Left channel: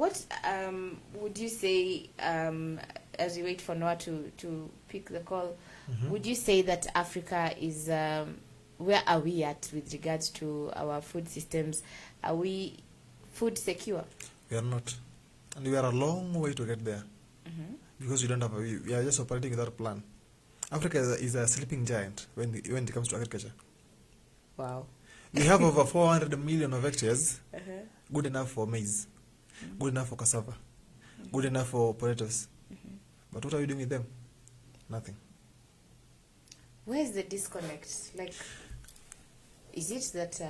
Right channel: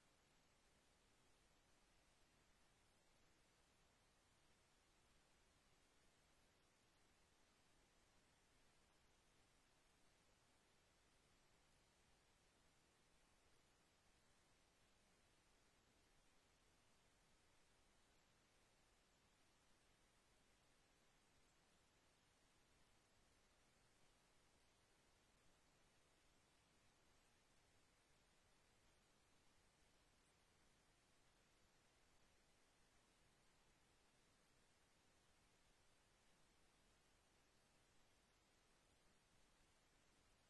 What would you say, as we wait for Noah to pick the call, would you say that Africa is, where are we at with regards to our food systems? Are we food secure? We are not. And we are a long way to get there. Because we don't have we are just operating without a plan. Africa is a sleeping giant when it comes to agriculture. Wow. We have over 400 million of hectares, good enough for maize, good enough for cassava, good enough for potatoes. But what are we doing with them? Nothing. Where's the disconnect? Like, is it that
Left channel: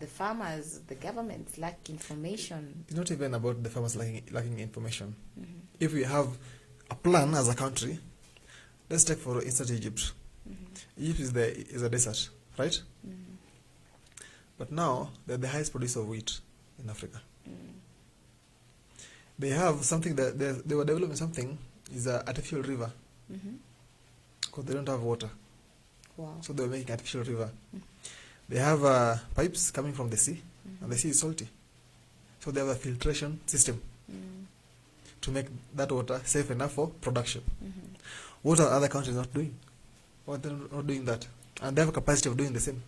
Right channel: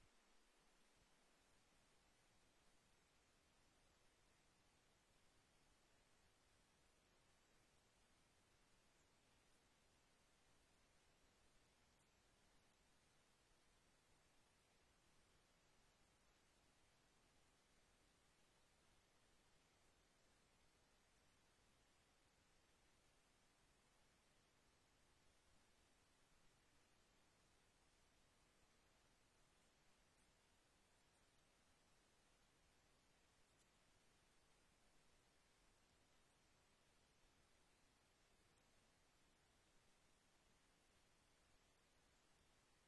the farmers, the governments lack information? It's not even about the farmers lacking information. If we have a plan as a country, let's take for instance Egypt. Egypt is a desert, right? But now they're the highest producer of wheat in Africa. They have something that they were developing something is an artificial river because they don't have water. Wow. So they were making artificial river. They have pipes coming from the sea, and the sea is salty. So they have a filtration system to make that water safe enough for production. What are other countries not doing? Why they're not doing that? And they have a capacity of doing the same.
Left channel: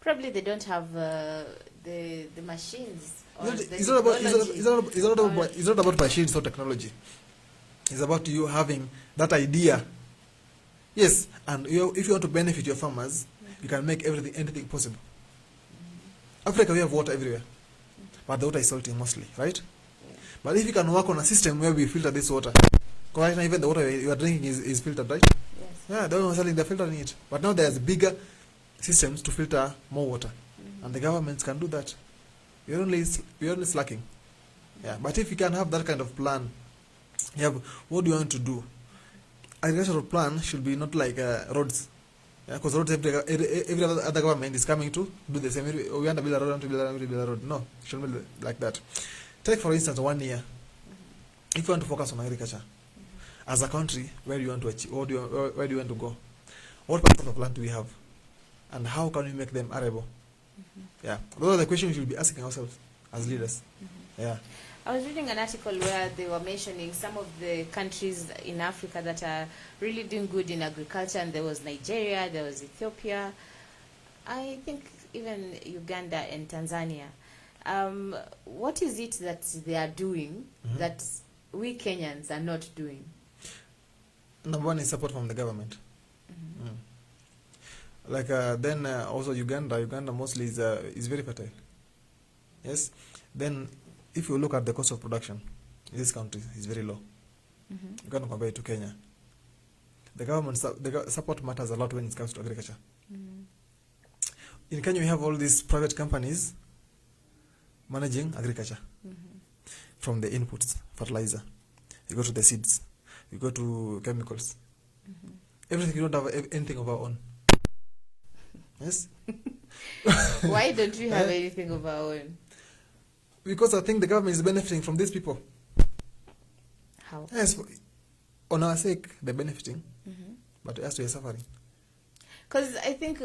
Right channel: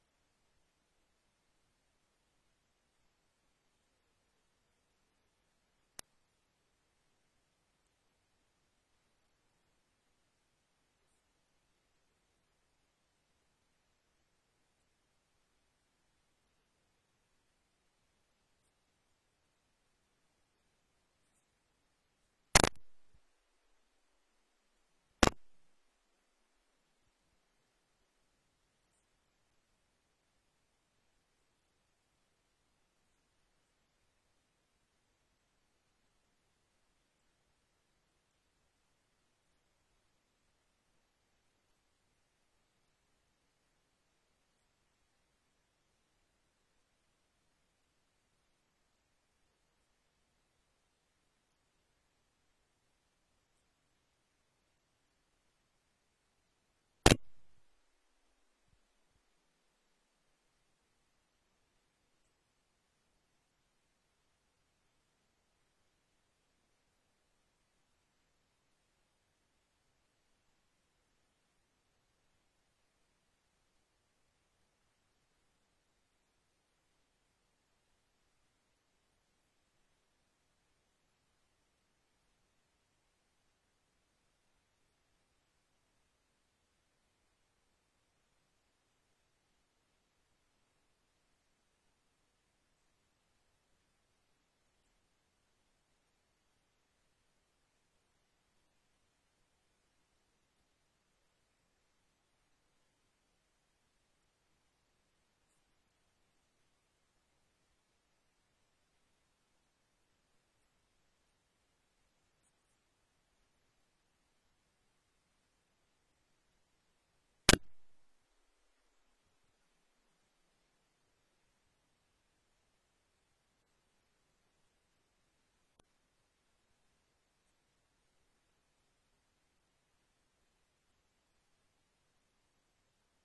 Probably they don't have the machines. Or It's not about machines or technology. It's about you having that idea. Yes, and if you want to benefit your farmers, you can make anything possible. Africa, we have water everywhere, but the water is salty mostly, right? But if you can work on a system where we filter this water, because right now even the water you are drinking is filtered, right? Yes. Yeah, they're not selling, they're filtering it. But now there's bigger systems to filter more water, and the governments can do that. We're only slacking. Yeah, but if you can have that kind of plan, you have what do you want to do? Agricultural plan should be not like roads. Because roads, every other government is coming to do the same. We want to build a road, we want to build a road. No, it shouldn't be like that. Take for instance 1 year. If you want to focus on agriculture, as a country, where do you want to achieve? Where do you want to go? What part of the plan do we have? And how can we make them arable? Yeah, those are the questions we should be asking ourselves as leaders. Yeah. I was reading an article where they were mentioning some of the countries in Africa that are really doing good in agriculture, and there was Nigeria, there was Ethiopia, I think even Uganda and Tanzania. What is it that they are doing that we Kenyans are not doing? Number one is support from the government. Like then also Uganda mostly is very fertile. Yes. Then if you look at the cost of production in this country, is very low. You can't compare it to Kenya. The government support matters a lot when it comes to agriculture. In Kenya, we have all these private companies managing agriculture, from the inputs, fertilizer, you go to the seeds, you go to chemicals, everything. You don't have anything of our own. Yes. Why don't we have anything of our own? Because I think the government is benefiting from these people. How? Yes, on our sake, they're benefiting, but us, we are suffering. Because I think